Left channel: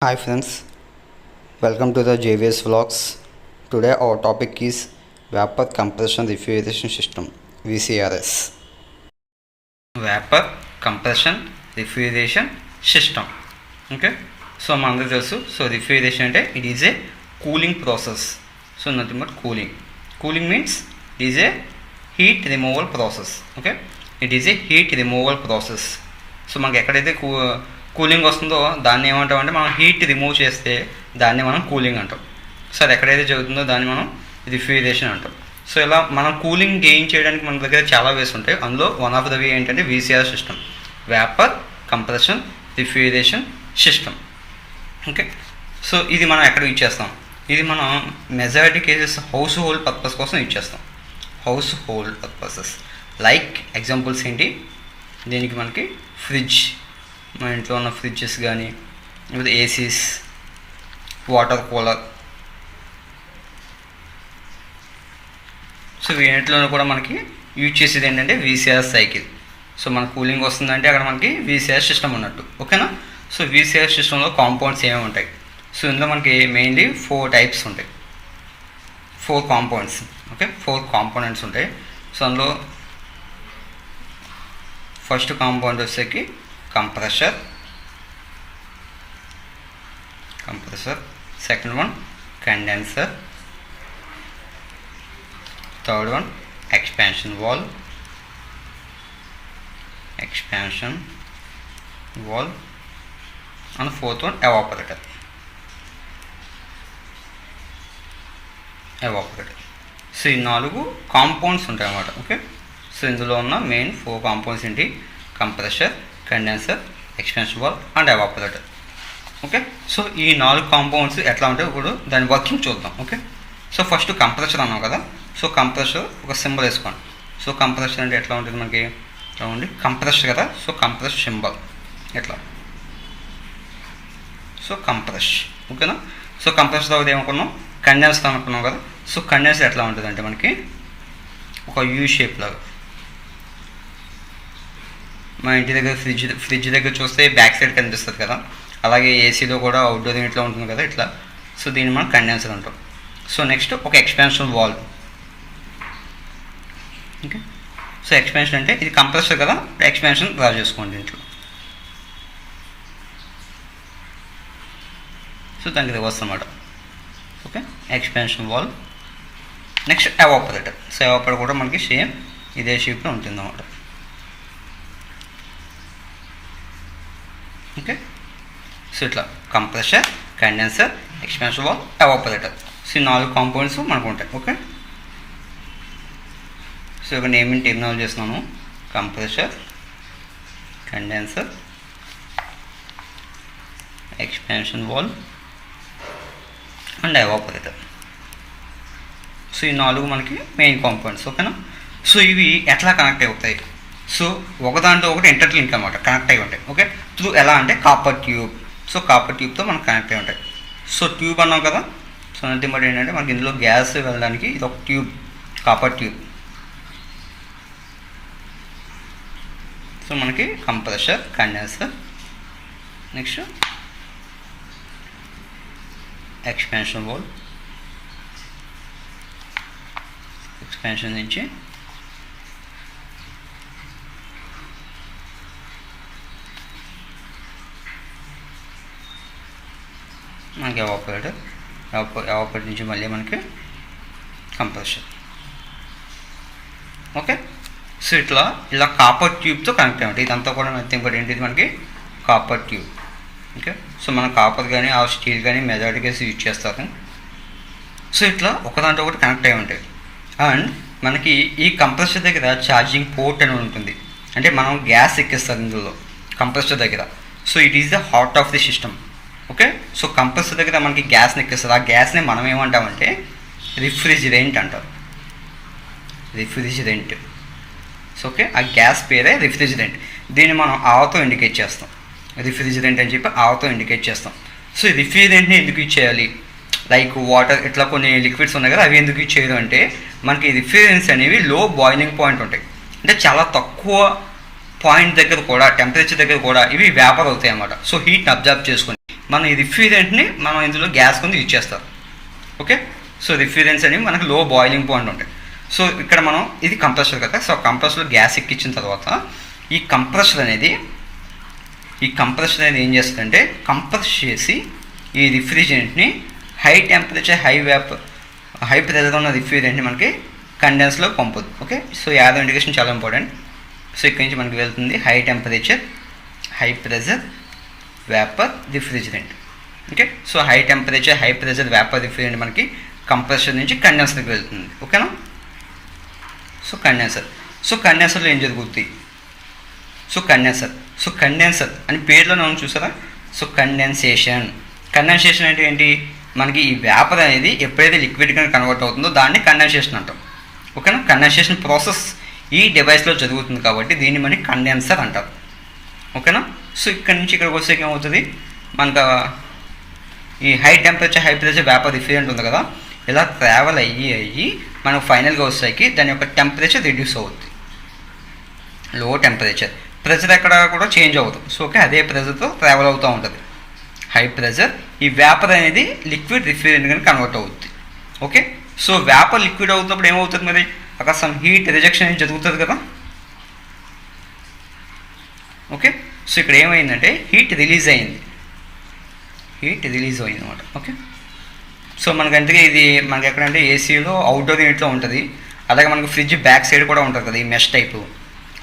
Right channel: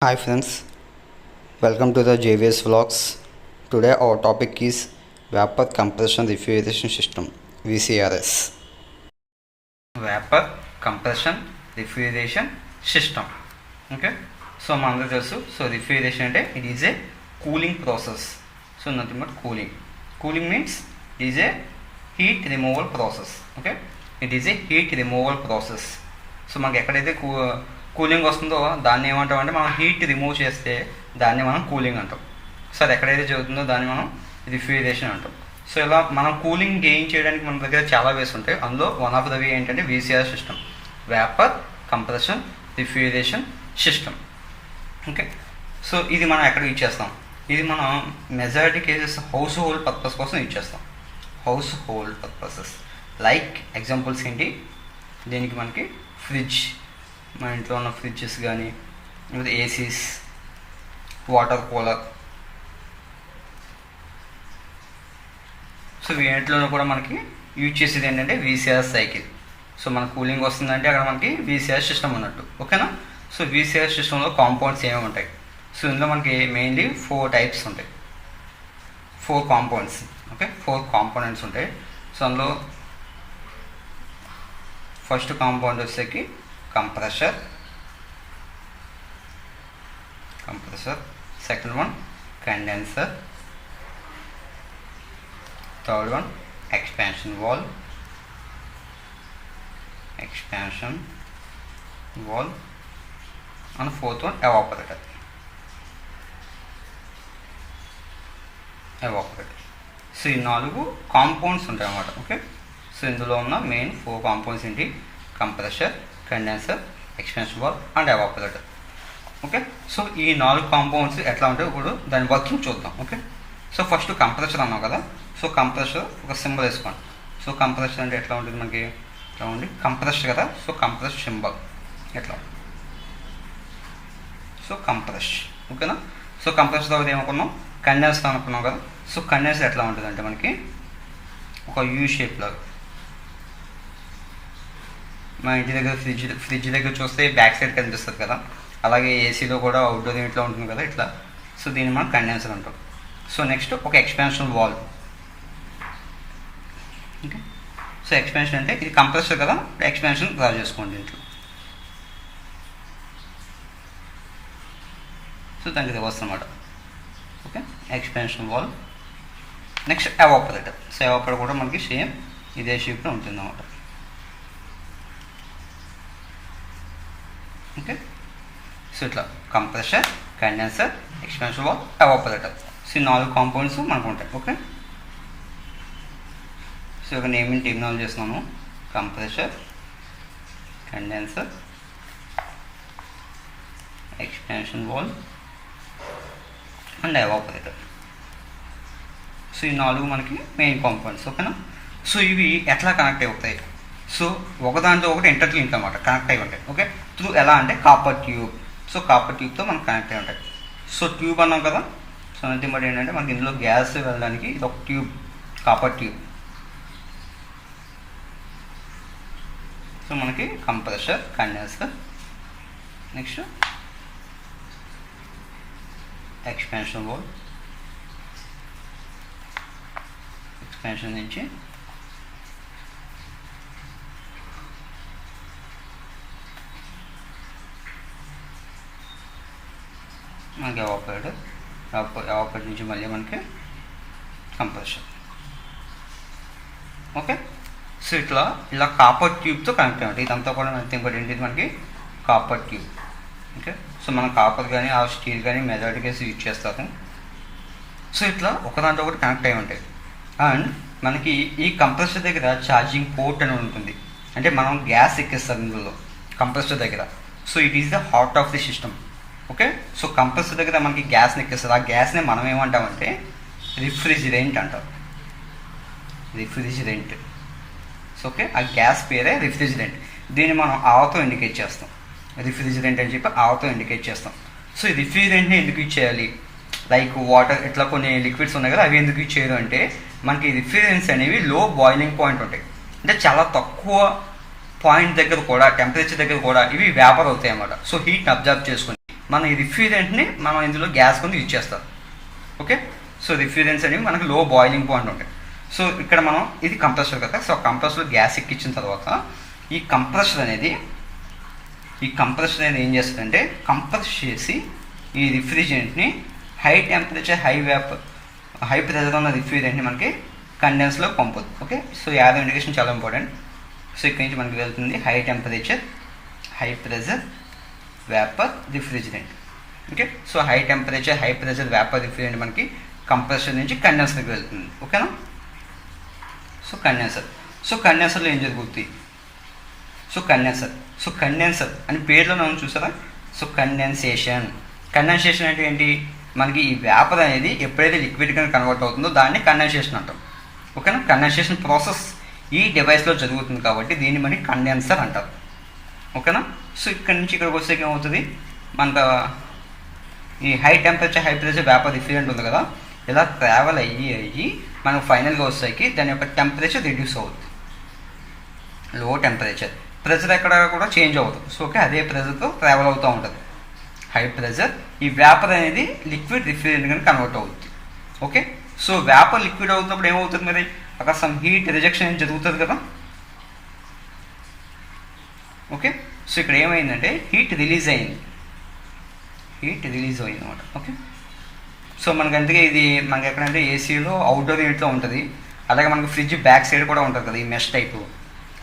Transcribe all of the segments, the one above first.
Hi friends, welcome to the JVS vlogs. Today our topic is Vapor Compression Refrigeration System VCRS. Vapor Compression Refrigeration System. Okay, so mandu telusu. So refrigeration ante it is a cooling process. So nothing but cooling. Cooling means it is a heat removal process. Okay, it is a heat removal process. So మనకి ఎక్కడైతే cooling వస్తుందో దాన్ని ఏమంటామంటే మనం heat remove చేస్తే దాన్ని మనం cooling అంటాం. సో అది ఎక్కడైతే జరుగుతుందో దాన్ని మనం రిఫ్రిజిరేషన్ అంటాం. సో ఇలా మనం కూలింగ్ గెయిన్ చేయడానికి మన దగ్గర చాలా వేస్ ఉంటాయి. అందులో వన్ ఆఫ్ ద వే ఏంటంటే VCR system, vapour compression refrigeration system. Okay, so ఇది మనం ఎక్కడ యూజ్ చేస్తాం? ఇది మనం majority cases house hold purpose కోసం యూజ్ చేస్తాం. House hold purposes like examples ఏంటి? దీనికి మనకి ఫ్రిడ్జ్, మన ఇంట్లో ఉన్న ఫ్రిడ్జెస్ కానీ లేదా ఏసీస్, వాటర్ కూలర్. సో వీటిలో కూడా మనకి యూజ్ చేసేది ఏంటంటే వీసీఆర్ సైకిల్. సో మన కూలింగ్ వస్తుందంటే అక్కడ మనకి వీసీఆర్ సిస్టమ్ ఉన్నట్టు. ఓకేనా? సో వీసీఆర్ సిస్టంలో కాంపౌండ్స్ ఏమేమి ఉంటాయి? సో ఇందులో మనకి మెయిన్లీ 4 టైప్స్ ఉంటాయి, 4 కాంపౌండ్స్. ఓకే, 4 కాంపోనెంట్స్ ఉంటాయి. సో అందులో ఫస్ట్ కాంపౌండ్ వచ్చేకి compressor, second one condenser, third one expansion valve and fourth one evaporator. So ఈ 4 కాంపౌండ్స్ ఉంటాయి అన్నమాట. ఓకే, సో ఇందులో ఉన్న మెయిన్ 4 కాంపౌండ్స్ ఏంటి? Compressor, condenser, expansion valve and evaporator. Okay, so ఈ 4 కాంపౌండ్స్ ఎట్లా ఉంటాయి ఇప్పుడు దాని వర్కింగ్ చూద్దాం. ఓకే, సో ఫస్ట్ కంప్రెసర్ అన్నాం కదా. సో కంప్రెసర్ ఒక సింబల్ వేసుకోండి. సో కంప్రెసర్ అంటే ఎట్లా ఉంటుంది మనకి? ఎట్లా ఉంది? కంప్రెసర్ కదా. సో కంప్రెసర్ సింబల్ ఎట్లా? So compress. ఓకేనా? సో కంప్రెసర్ తర్వాత ఏమనుకున్నాం? కండెన్సర్ అనుకున్నాం కదా. సో కండెన్సర్ ఎట్లా ఉంటుంది అంటే మనకి ఒక యూ షేప్ లాగా. మా ఇంటి దగ్గర ఫ్రిడ్జ్ దగ్గర చూస్తే బ్యాక్ సైడ్ కనిపిస్తుంది కదా, అలాగే ఏసీలో కూడా అవుట్డోర్ ఇట్లా ఉంటుంది కదా ఇట్లా. సో దీన్ని మనం కండెన్సర్ అంటాం. సో నెక్స్ట్ ఒక expansion valve. Okay, so expansion అంటే ఇది కంప్రెసర్ కదా, ఎక్స్పాన్షన్ డ్రా చేసుకోండి దీంట్లో. సో దానికి రివర్స్ అన్నమాట. Okay, expansion valve. Next evaporator. So evaporator కూడా మనకి సేమ్ ఇదే షేప్లో ఉంటుంది అన్నమాట. ఓకే, సో ఇట్లా compressor, condenser, expansion valve, evaporator. So ఈ 4 కాంపౌండ్స్ మనకు ఉంటాయి. ఓకే, సో ఇక్కడ నేమింగ్ టెక్నాలజీ చేస్తున్నాను. Compressor, condenser, expansion valve and evaporator. So ఈ 4 మనకి మెయిన్ కాంపౌండ్స్. ఓకేనా? సో ఇవి ఎట్లా కనెక్ట్ అవుతాయి? సో ఒకదాంతో ఒకటి ఇంటర్లింక్ అనమాట, కనెక్ట్ అయి ఉంటాయి. ఓకే, త్రూ ఎలా అంటే కాపర్ ట్యూబ్. సో కాపర్ ట్యూబ్తో మనకు కనెక్ట్ అయి ఉంటాయి. సో ట్యూబ్ అన్నాం కదా. సో నథింగ్ బట్ ఏంటంటే మనకి ఇందులో గ్యాస్ వెళ్ళడానికి ఇది ఒక ట్యూబ్, కాపర్ ట్యూబ్. సో మనకి compressor, condenser, next expansion valve, expansion నుంచి మనకి ఎవాపరేటర్, ఎవాపరేటర్ నుంచి మళ్ళీ మనకి కంప్రెసర్. ఓకే, సో ఇలా కాపర్ ట్యూబ్తో కనెక్ట్ అయ్యి ఉంటాయి. ఇదంతా కూడా నథింగ్ బట్ ఏంటి? మనకి కాపర్ ట్యూబ్. ఓకే, సో మనం కాపర్ కానీ ఆ స్టీల్ కానీ మెజారిటీ కేసు యూజ్ చేస్తారు. సో ఇట్లా ఒకదాంతో ఒకటి కనెక్ట్ అయి ఉంటాయి. అండ్ మనకి ఈ కంప్రెసర్ దగ్గర ఛార్జింగ్ పోర్ట్ అని ఉంటుంది. అంటే మనం గ్యాస్ ఎక్కిస్తారు ఇందులో కంప్రెసర్ దగ్గర. So it is the heart of the system. Okay, so compressor దగ్గర మనకి గ్యాస్ని ఎక్కిస్తారు. ఆ గ్యాస్ని మనం ఏమంటామంటే రిఫ్రిజిరెంట్ అంటాం. రిఫ్రిజిరెంట్. సో ఓకే, ఆ గ్యాస్ పేరే రిఫ్రిజిరెంట్. దీన్ని మనం ఆవతో ఇండికేట్ చేస్తాం. రిఫ్రిజిరెంట్ అని చెప్పి ఆవతో ఇండికేట్ చేస్తాం. సో ఈ రిఫ్రిజిరెంట్ని ఎందుకు యూజ్ చేయాలి? లైక్ వాటర్ ఇట్లా కొన్ని లిక్విడ్స్ ఉన్నాయి కదా, అవి ఎందుకు యూజ్ చేయదు అంటే మనకి రిఫ్రిజిరెంట్స్ అనేవి లో బాయిలింగ్ పాయింట్ ఉంటాయి. అంటే చాలా తక్కువ పాయింట్ దగ్గర కూడా, టెంపరేచర్ దగ్గర కూడా ఇవి వేపర్ అవుతాయి అన్నమాట. సో హీట్ని అబ్జర్వ్ చేసుకుని మనం ఈ రిఫ్రిజరెంట్ని మనం ఇందులో గ్యాస్ కింద యూజ్ చేస్తాం. ఓకే, సో రిఫ్రిజరెంట్స్ అనేవి మనకు లో బాయిలింగ్ పాయింట్ ఉంటాయి. సో ఇక్కడ మనం ఇది కంప్రెసర్ కదా, సో కంప్రెసర్లో గ్యాస్ ఎక్కించిన తర్వాత ఈ కంప్రెసర్ అనేది ఏం చేస్తుందంటే కంప్రెస్ చేసి ఈ రిఫ్రిజరెంట్ని హై టెంపరేచర్ హై ప్రెజర్ ఉన్న రిఫ్రిజరెంట్ని మనకి కండెన్స్లో పంపుద్ది. ఓకే, సో యాదో ఇండికేషన్ చాలా ఇంపార్టెంట్. సో ఇక్కడ నుంచి మనకి వెళ్తుంది high temperature high pressure vapour refrigerant. Okay, so high temperature high pressure vapour refrigerant మనకి కంప్రెసర్ నుంచి కండెన్సర్కి వెళ్తుంది. ఓకేనా, సో కండెన్సర్లో ఏం జరుగుతుంది? సో కండెన్సర్ అని పేరులో మనం చూసారా. సో కండెన్సేషన్ అంటే ఏంటి? మనకి ఈ వేపర్ అనేది ఎప్పుడైతే లిక్విడ్గా కన్వర్ట్ అవుతుందో దాన్ని కండెన్సేషన్ అంటాం. ఓకేనా, కండెన్సేషన్ ప్రాసెస్ ఈ డివైస్లో జరుగుతుంది కాబట్టి దీన్ని మనకి కండెన్సర్ అంటారు. ఓకేనా, సో ఇక్కడ నుంచి ఇక్కడికి వస్తే ఏమవుతుంది? మనకు ఈ high temperature high pressure vapour refrigerant ఉంది కదా, ఇలా ట్రావెల్ అయ్యి మనకు ఫైనల్గా వచ్చేసరికి దాని యొక్క టెంపరేచర్ రిడ్యూస్ అవుతుంది. లో టెంపరేచర్ ప్రెషర్ ఎక్కడ కూడా చేంజ్ అవుతుంది. సో ఓకే, అదే ప్రెషర్తో ట్రావెల్ అవుతూ ఉంటుంది. హై ప్రెషర్ ఈ వేపర్ అనేది లిక్విడ్ రిఫ్రిజరెంట్ కానీ కన్వర్ట్ అవుతుంది. ఓకే, సో వేపర్ లిక్విడ్ అవుతున్నప్పుడు ఏమవుతుంది? మరి అక్కడ సమ్ హీట్ రిజెక్షన్ అనేది జరుగుతుంది కదా. ఓకే, సో ఇక్కడ ఏమైందంటే హీట్ రిలీజ్ అయింది అనమాట. ఓకే, సో మనకంటే ఇది మనకి ఎక్కడంటే ఏసీలో అవుట్డోర్ యూనిట్లో ఉంటుంది. అలాగే మనకి ఫ్రిడ్జ్ బ్యాక్ సైడ్ కూడా ఉంటుంది కదా, ఈ మెష్ టైపు.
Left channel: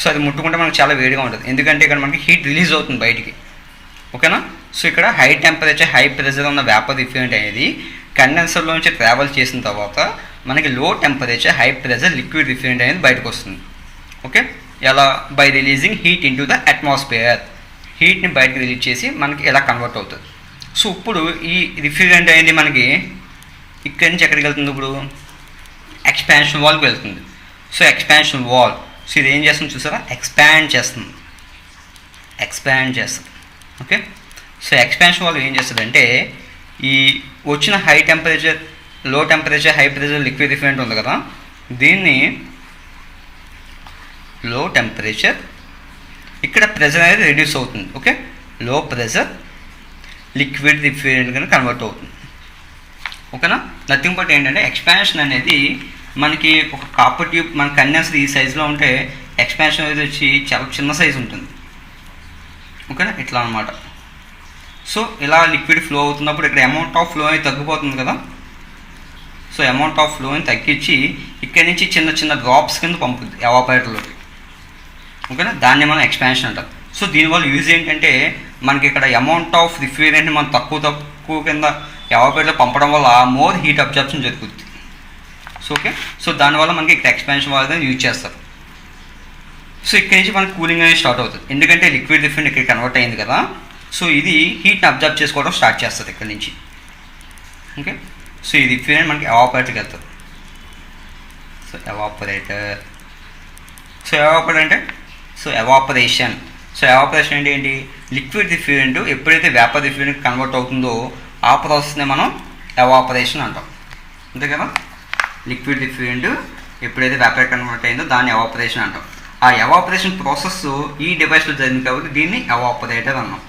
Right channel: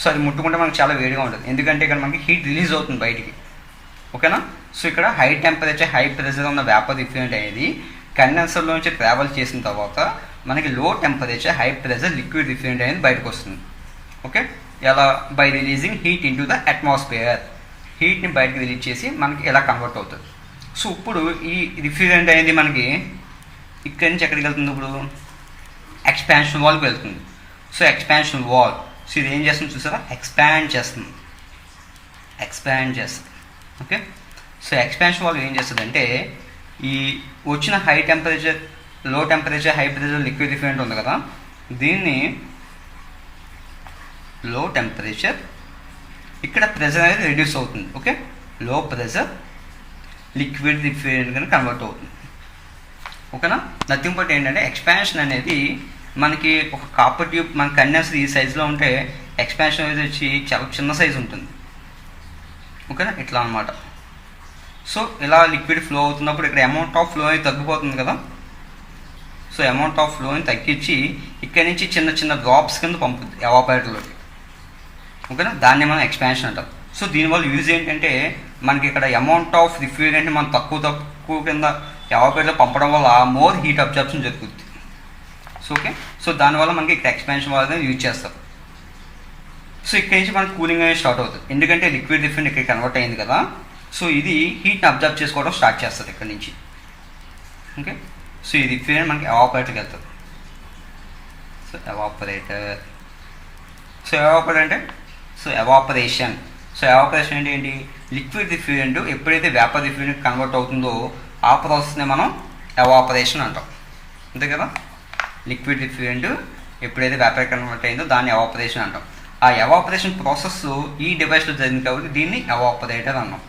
సో అది ముట్టుకుంటే మనకు చాలా వేడిగా ఉంటుంది, ఎందుకంటే ఇక్కడ మనకి హీట్ రిలీజ్ అవుతుంది బయటికి. ఓకేనా, సో ఇక్కడ హై టెంపరేచర్ హై ప్రెషర్ ఉన్న వేపర్ రిఫ్రిజరెంట్ అనేది కండెన్సర్లో నుంచి ట్రావెల్ చేసిన తర్వాత మనకి low temperature high pressure liquid refrigerant అనేది బయటకు వస్తుంది. ఓకే, ఎలా? By releasing heat into the atmosphere. హీట్ని బయటకు రిలీజ్ చేసి మనకి ఎలా కన్వర్ట్ అవుతుంది. సో ఇప్పుడు ఈ రిఫ్రిజరెంట్ అనేది మనకి ఇక్కడి నుంచి ఎక్కడికి వెళ్తుంది? ఇప్పుడు ఎక్స్పాన్షన్ వాల్కి వెళ్తుంది. సో ఎక్స్పాన్షన్ వాల్, సో ఇది ఏం చేస్తుంది చూసారా? ఎక్స్పాండ్ చేస్తుంది. ఓకే, సో ఎక్స్పాన్షన్ వాల్ ఏం చేస్తుంది అంటే ఈ వచ్చిన హై టెంపరేచర్ లో temperature high pressure liquid refrigerant ఉంది కదా, దీన్ని లో టెంపరేచర్ ఇక్కడ ప్రెషర్ అనేది రెడ్యూస్ అవుతుంది. ఓకే, లో ప్రెషర్ లిక్విడ్ రిఫ్రిజరెంట్ కానీ కన్వర్ట్ అవుతుంది. ఓకేనా, నథింగ్ బట్ ఏంటంటే ఎక్స్పాన్షన్ అనేది మనకి ఒక కాపర్ ట్యూబ్ మన కండెన్సర్ ఈ సైజులో ఉంటే ఎక్స్పాన్షన్ అనేది వచ్చి చాలా చిన్న సైజు ఉంటుంది. ఓకేనా, ఇట్లా అనమాట. సో ఇలా లిక్విడ్ ఫ్లో అవుతున్నప్పుడు ఇక్కడ అమౌంట్ ఆఫ్ ఫ్లో అనేది తగ్గిపోతుంది కదా. సో అమౌంట్ ఆఫ్ ఫ్లోని తగ్గించి ఇక్కడి నుంచి చిన్న చిన్న డ్రాప్స్ కింద పంపుతుంది ఎవాపరేటర్లోకి. ఓకేనా, దాన్ని మనం ఎక్స్పాన్షన్ అంటాం. సో దీనివల్ల యూజ్ ఏంటంటే మనకి ఇక్కడ అమౌంట్ ఆఫ్ రిఫ్రిజరెంట్ని మనం తక్కువ కింద ఎవాపరేటర్లో పంపడం వల్ల మోర్ హీట్ అబ్జర్ప్షన్ జరుగుతుంది. సో ఓకే, సో దానివల్ల మనకి ఇక్కడ ఎక్స్పాన్షన్ అనేది యూజ్ చేస్తారు. సో ఇక్కడి నుంచి మనకి కూలింగ్ అనేది స్టార్ట్ అవుతుంది, ఎందుకంటే లిక్విడ్ రిఫ్రిజరెంట్ ఇక్కడ కన్వర్ట్ అయింది కదా. సో ఇది హీట్ని అబ్జర్వ్ చేసుకోవడం స్టార్ట్ చేస్తుంది ఇక్కడ నుంచి. ఓకే, సో ఈ రిఫ్రిజరెంట్ మనకి ఎవాపరేటర్కి వెళ్తుంది. సో ఎవాపరేషన్ అంటే ఏంటి? లిక్విడ్ రిఫ్రిజరెంట్ ఎప్పుడైతే వేపర్ రిఫ్రిజరెంట్ కన్వర్ట్ అవుతుందో ఆ ప్రాసెస్ని మనం ఎవాపరేషన్ అంటాం. అంతే కదా, లిక్విడ్ రిఫ్రిజరెంట్ ఎప్పుడైతే వేపర్ కన్వర్ట్ అయిందో దాన్ని ఎవాపరేషన్ అంటాం. ఆ ఎవాపరేషన్ ప్రాసెస్ ఈ డివైస్లో జరిగింది కాబట్టి దీన్ని ఎవాపరేటర్ అన్నాం.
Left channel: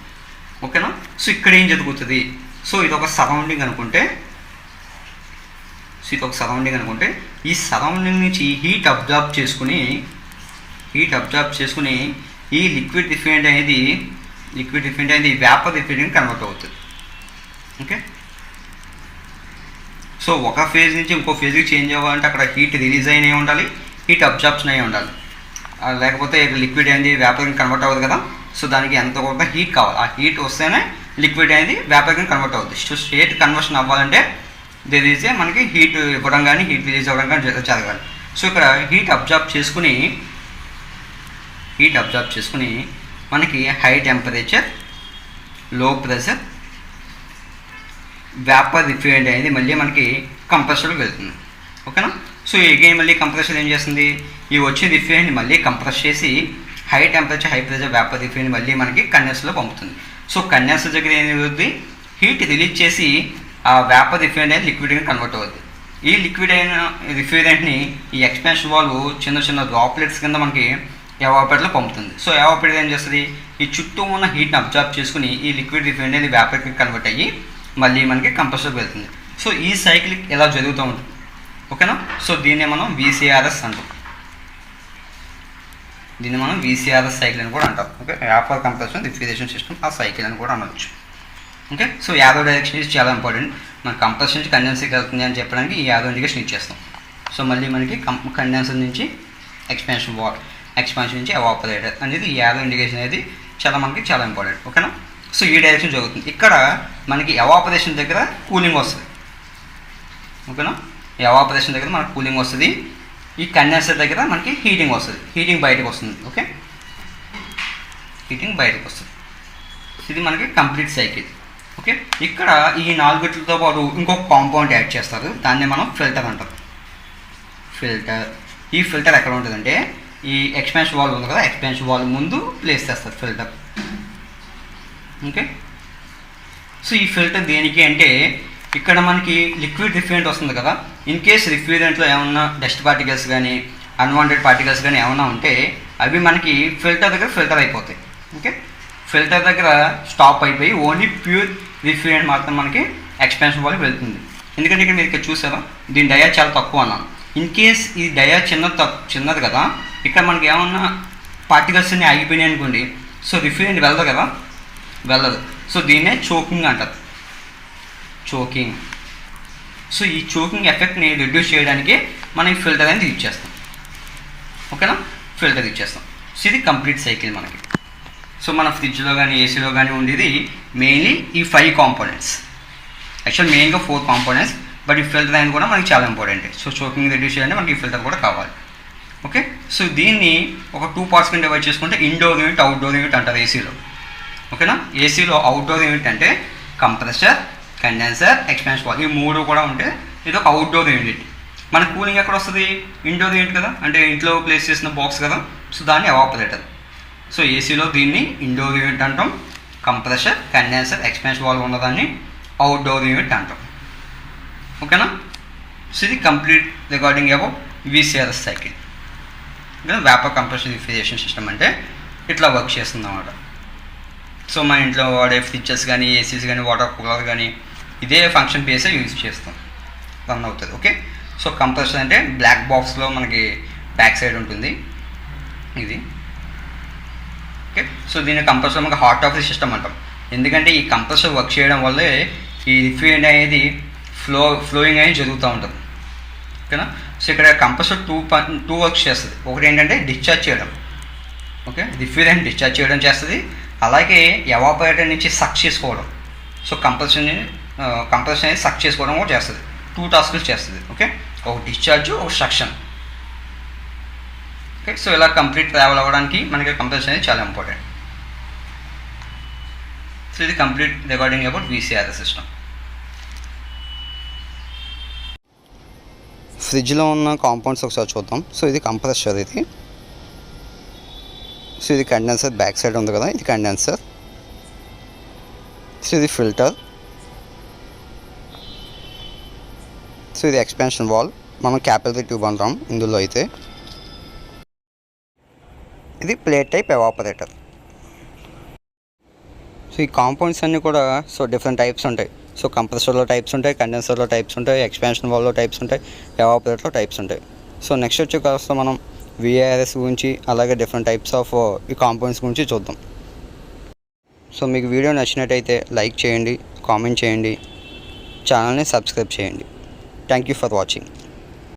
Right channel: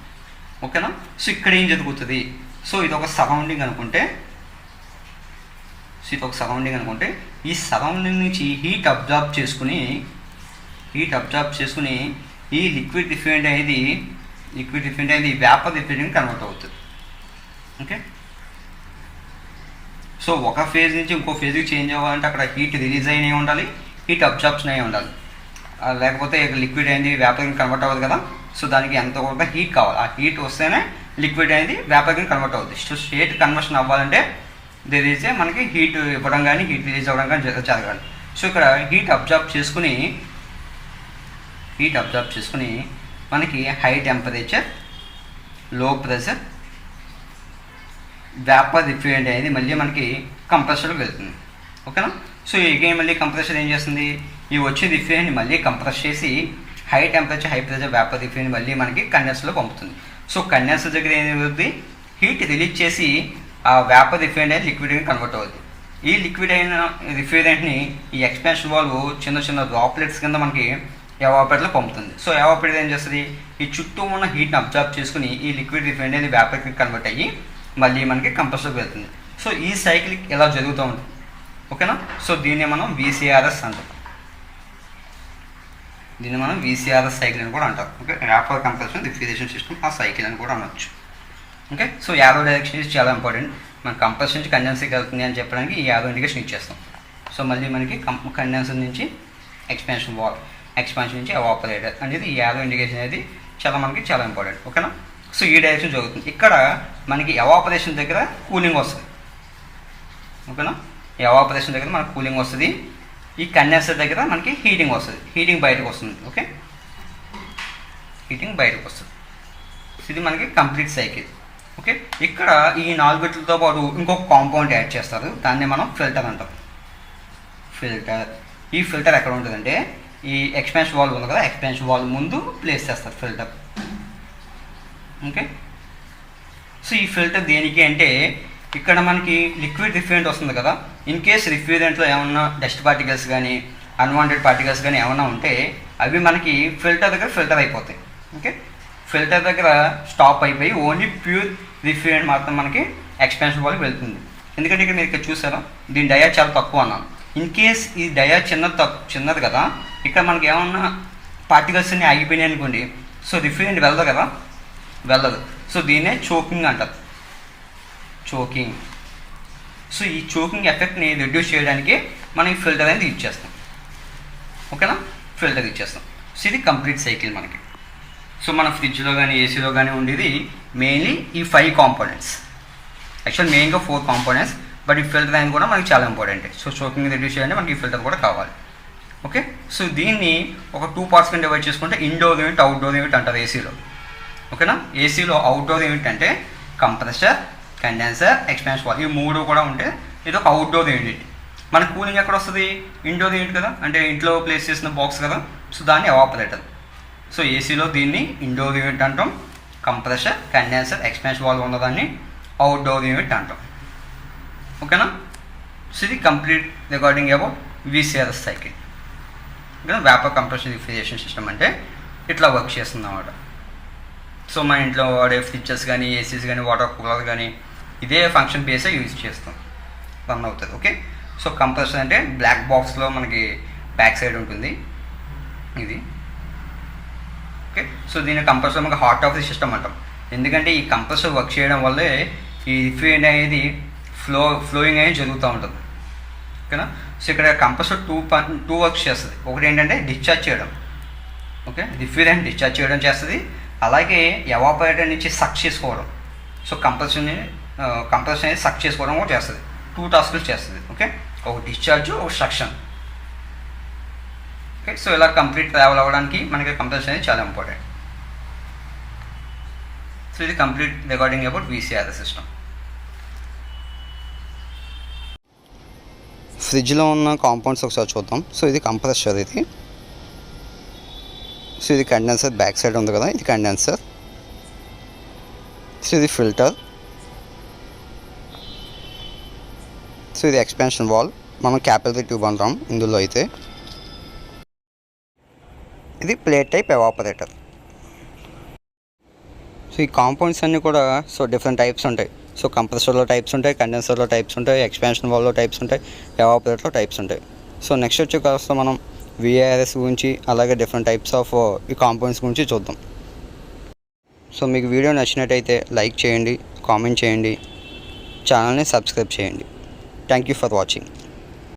ఓకేనా, సో ఇక్కడ ఏం జరుగుతుంది? సో ఇది ఒక సరౌండింగ్ అనుకుంటే ఈ సరౌండింగ్ నుంచి హీట్ అబ్జార్బ్ చేసుకుని ఈ లిక్విడ్ రిఫ్రిజరెంట్ అనేది వేపర్ రిఫ్రిజరెంట్ కన్వర్ట్ అవుతుంది. ఓకే, సో ఒక ఫేజ్ నుంచి ఇంకో ఫేజ్కి చేంజ్ అవ్వాలంటే అక్కడ హీట్ రిలీజ్ అయినా ఉండాలి, హీట్ అబ్జార్ప్షన్ అయి ఉండాలి. లేకపోతే లిక్విడ్ అనేది వేపర్కి కన్వర్ట్ అవ్వదు కదా. సో దానికి ఎంత కొంత హీట్ కావాలి, ఆ హీట్ వస్తేనే లిక్విడ్ అనేది వేపర్కి కన్వర్ట్ అవుతుంది. సో స్టేట్ కన్వర్షన్ అవ్వాలంటే దిస్ మనకి హీట్ ఇవ్వడం కానీ హీట్ రిలీజ్ అవ్వడం కానీ జరగాలి. సో ఇక్కడ హీట్ అబ్జార్బ్ చేసుకుని మనకి హై టెంపరేచర్ లో ప్రెషర్ వేపర్ రిఫ్రిజరెంట్ అనేది మళ్ళీ మనకి కంప్రెసర్కి వెళ్తుంది. ఓకేనా, సో అగైన్ మళ్ళీ కంప్రెసర్ ఏం చేస్తుంది? ఈ వచ్చిన రిఫ్రిజరెంట్ని మళ్ళీ కంప్రెస్ చేసి high temperature high pressure vapour refrigerant మళ్ళీ మనకి కండెన్సర్లో పంపుతుంది. సో కండెన్సర్ దగ్గర ఏమవుతుంది? హీట్ రిలీజ్ చేసి ఆ వేపర్ రిఫ్రిజరెంట్ అనేది లిక్విడ్గా కన్వర్ట్ అవుతుంది. ఈ లిక్విడ్ అయిన రిఫ్రిజరెంట్ని ఈ ఎక్స్పాన్షన్ వాల్వ్ చిన్న చిన్న డ్రాప్లెట్స్ కింద మనకి ఎవాపరేటర్లో పంపుతుంది. సో ఎవాపరేటర్ ఏం చేస్తుంది, ఈ చుట్టూ ఉన్న హీట్ని అబ్జర్వ్ చేసుకుని ఈ లిక్విడ్ రిఫైన్ అనేది వేపర్కి కన్వర్ట్ అయ్యి మళ్ళీ మనకి కంప్రెసర్కి వెళ్తుంది. సో ఈ సైకిల్ ఎలా జరుగుతూ ఉంటుంది, ఓకేనా. సో దీన్ని మనం VCRS అంటాం. దీన్ని మనం VCRS సైకిల్ అని కూడా అంటాం. Okay, vapour compression refrigeration system ఆ సైకిల్ అని కూడా అనవచ్చు. ఓకే, సో యారో డైరెక్షన్ ఇది చాలా ఇంపార్టెంట్. మన కంప్రెషన్ నుంచి కండెన్సర్కి వెళ్తుంది అని చెప్పడానికి ఈ యారో ఇండికేషన్ ఇచ్చేస్తాం. సో మళ్ళీ మనకి కండెన్సర్ నుంచి ఎక్స్పాన్షన్ నుంచి ఎవాపరేటర్ అనేది ఈ యారో ఇండికేషన్ అనేది మనకి చాలా ఇంపార్టెంట్. ఓకేనా. సో ఈ డైరెక్షన్ జరుగుతుంది. ఇక్కడ మనకి ఎవాపరేషన్ దగ్గర కూలింగ్ వస్తుంది. ఓకేనా, ఎవాపరేషన్ దగ్గర మనకి కూలింగ్ వస్తుంది. ఈ కండెన్సర్ దగ్గర మనకి హీటింగ్ వస్తుంది. హీటింగ్ బయటకు వస్తుంది. ఓకే, హీటింగ్ బయటకు వస్తుంది. ఇది మనకి కంప్లీట్ సైకిల్. ఓకే, ఇక్కడ ఈ 4 బిట్లతో పాటు ఇంకొక కాంపౌండ్ యాడ్ చేస్తారు. దాన్ని మనం ఫిల్టర్ అంటాం. ఈ ఫిల్టర్ ఎక్కడ ఉంటుందంటే ఈ ఎక్స్పాన్షన్ వాల్వ్ ఉంది కదా, ఎక్స్పాన్షన్ వాల్వ్ ముందు ప్లేస్ చేస్తారు ఫిల్టర్. ఓకే, సో ఈ ఫిల్టర్ దేనికి అంటే ఇక్కడ మనకి లిక్విడ్ రిఫ్రిజరెంట్ వస్తుంది కదా, ఇన్ కేస్ రిఫ్రిజరెంట్లో ఏమన్నా డస్ట్ పార్టికల్స్ కానీ అన్వాంటెడ్ పార్టికల్స్ కానీ ఏమైనా ఉంటే అవి మనకి ఫిల్టర్ దగ్గర ఫిల్టర్ అయిపోతాయి. ఓకే, ఫిల్టర్ దగ్గర స్టాప్ అయిపోయి ఓన్లీ ప్యూర్ రిఫ్రిజరెంట్ మాత్రం మనకి ఎక్స్పాన్షన్ వాల్వ్ వెళ్తుంది. ఎందుకంటే ఇక్కడ మీరు ఇక్కడ చూసారా, దీని డయా చాలా తక్కువ అన్నాను. ఇన్ కేస్ ఈ డయా చిన్నది కదా, ఇక్కడ మనకి ఏమన్నా పార్టికల్స్ అన్ని ఆగిపోయినాయి అనుకోండి, సో రిఫ్రిజరెంట్ వెళ్ళదు కదా, వెళ్ళదు. సో దీన్నే చోకింగ్ అంటారు, చోకింగ్. సో ఈ చోకింగ్ ఎఫెక్ట్ని రిడ్యూస్ చేయడానికి మనం ఈ ఫిల్టర్ అనేది యూజ్ చేస్తాం. ఓకేనా, ఫిల్టర్ యూజ్ చేస్తాం. సో ఇది కంప్లీట్ సైకిల్ మనకి. సో మన ఫ్రిడ్జ్లో కానీ ఏసీలో కానీ ఉండేది మెయిన్లీ ఈ 5 కాంపోనెంట్స్. యాక్చువల్ మెయిన్గా 4 కాంపోనెంట్స్, బట్ ఈ ఫిల్టర్ అనేది కూడా మనకి చాలా ఇంపార్టెంట్. సో చోకింగ్ రిడ్యూస్ చేయాలంటే మనకి ఈ ఫిల్టర్ కూడా కావాలి. ఓకే, సో దీన్ని ఒక 2 పార్ట్స్ కింద డివైడ్ చేసుకుంటే ఇండోర్ యూనిట్, అవుట్డోర్ యూనిట్ అంటారు ఏసీలో. ఓకేనా, ఏసీలో అవుట్డోర్ యూనిట్ అంటే కంప్రెసర్, కండెన్సర్, ఎక్స్పాన్షన్ వాల్వ్, ఈ 3 కూడా ఉంటే ఇది ఒక అవుట్డోర్ యూనిట్. మన కూలింగ్ ఎక్కడ వస్తుంది, ఇండోర్ యూనిట్ కదా, అంటే ఇంట్లో ప్లేస్ చేసిన బాక్స్ కదా, సో దాన్ని ఎవాపరేటర్. సో ఏసీలో దీన్ని ఇండోర్ యూనిట్ అంటాం, కంప్రెసర్, కండెన్సర్, ఎక్స్పాన్షన్ వాల్వ్ ఉన్నదాన్ని అవుట్డోర్ యూనిట్ అంటాం. ఓకేనా, సో ఇది complete regarding about VCRS cycle. Vapour compression refrigeration system అంటే ఇట్లా వర్క్ చేస్తుంది అన్నమాట. సో మన ఇంట్లో వాడే ఫ్రిడ్జెస్ కానీ ఏసీస్ కానీ వాటర్ కూలర్ కానీ ఇదే ఫంక్షన్ బేసే యూజ్ చేస్తాం, రన్ అవుతుంది. ఓకే, సో కంప్రెసర్ అంటే బ్లాక్ బాక్స్లో మనకి బ్యాక్ సైడ్ ఉంటుంది ఇది. ఓకే, సో దీని కంప్రెసర్ మనకి హార్ట్ ఆఫ్ ది సిస్టమ్ అంటాం. ఎందుకంటే ఈ కంప్రెసర్ వర్క్ చేయడం వల్లే ఈ రిఫ్రిజరెంట్ అనేది ఫ్లోయింగ్ అనేది జరుగుతూ ఉంటుంది. ఓకేనా, సో ఇక్కడ కంప్రెసర్ టూ వర్క్స్ చేస్తుంది. ఒకటి ఏంటంటే డిశ్చార్జ్ చేయడం, ఓకే, రిఫ్రిజరెంట్ డిశ్చార్జ్ చేయడం చేస్తుంది. అలాగే ఎవాపరేటర్ నుంచి సక్ చేసుకోవడం. సో కంప్రెసర్ అనేది సక్ చేసుకోవడం కూడా చేస్తుంది. 2 టాస్కులు చేస్తుంది. ఓకే, ఒక డిశ్చార్జ్, ఒక సక్షన్. ఓకే, సో ఇలా కంప్లీట్ ట్రావెల్ అవ్వడానికి మనకి కంప్రెసర్ అనేది చాలా ఇంపార్టెంట్. సో ఇది complete regarding about VCRS system. ఫ్రిడ్జ్లో ఉన్న కాంపౌండ్స్ ఒకసారి చూద్దాం. సో ఇది కంప్రెసర్, ఇది. సో ఇది కండెన్సర్ బ్యాక్ సైడ్ ఉంది కదా, ఇది కండెన్సర్. సో ఇది ఫిల్టర్. సో ఇది ఎక్స్పాన్షన్ వాల్వ్, మనం క్యాపిలరీ ట్యూబ్ అంటాం ఇందులో అయితే. ఇది ప్లేట్ టైప్ ఎవాపరేటర్. సో ఈ కాంపౌండ్స్ అన్నీ కూడా సో డిఫరెంట్ టైప్స్ ఉంటాయి. సో కంప్రెసర్లో టైప్స్ ఉంటాయి, కండెన్సర్లో టైప్స్ ఉంటాయి, ఎక్స్పాన్షన్ వాల్వ్లో టైప్స్ ఉంటాయి, ఎవాపరేటర్లో టైప్స్ ఉంటాయి. సో నెక్స్ట్ వచ్చే కాస్త మనం VRS గురించి అలాగే డిఫరెంట్ టైప్స్ ఆఫ్ ఈ కాంపౌండ్స్ గురించి చూద్దాం. సో మీకు వీడియో నచ్చినట్టయితే లైక్ చేయండి, కామెంట్ చేయండి, ఛానల్ని సబ్స్క్రైబ్ చేయండి. Thank you for watching.